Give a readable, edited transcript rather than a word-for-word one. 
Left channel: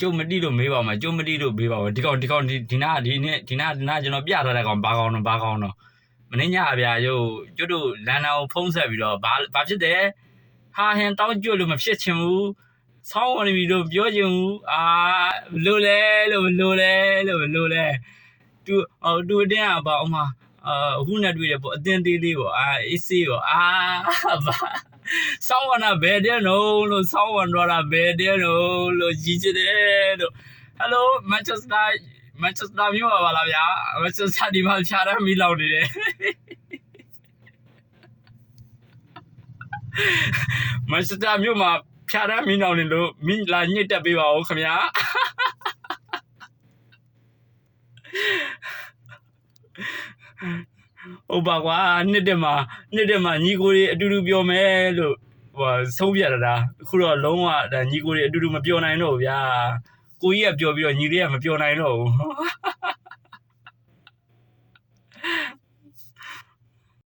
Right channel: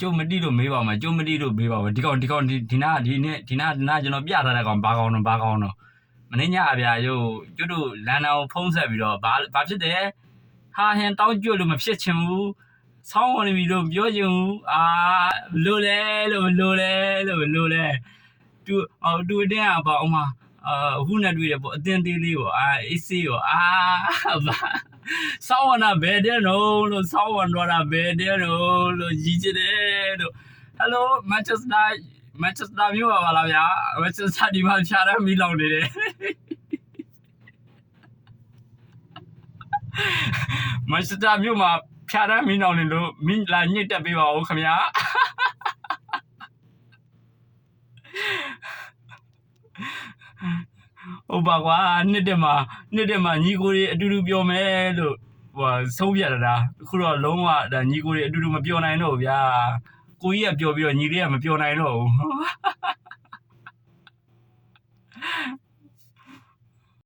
ကျုပ်မတိလို့မေးပါမှာကျုပ်မတိလို့မေးပါဘူးဒီနာကျွန်တော်ပြထားတဲ့ကောင်ဘာကောင်တော့မင်းညအဗျာကျုပ်တို့လန်နာကိုဖုံးဆက်ပြီးတော့ဘာဖြစ်တယ်ဟာဟင်တောင်းကျွတ်လို့မဖြစ်ချင်ဘူးဆောင်းဝင်နေပြီလို့ပြောချင်ဘူးလိုလဲတူအတင်းကပေါ့အမအခုနဲ့တွေ့ရပေါ့အတင်းသေးလေးပေါ့အေးစေးပေါ့ဆောင်းဝင်တာဘယ်တဲ့တော့လို့ဆောင်းဝင်တော့တာဘယ်တဲ့တော့လို့ကြီးချစ်တယ်လို့ဟယ်လိုမန်ချက်စတာမြို့ပါလားဗျာမန်ချက်စတာဒီမှာဖြာရမီလောင်နေတယ်မန်ချက်စတာမြို့မှာဖြာရမီလောင်နေလို့မင်းလာညစ်တက်ပေးပါဦးခင်ဗျာဟုတ်ပါကွာနှစ်တက်မှာညီကိုတွေအတူတူပြောမယ်လို့ဆုံးဖြတ်တာအခုတော့လုံးဝဒါညီကိုတွေအတူတူမပြောနိုင်တော့ဘူးဗျာကိုကြီးကပြောပြီးတော့ညီလေးကမပြောနိုင်တော့ဘူး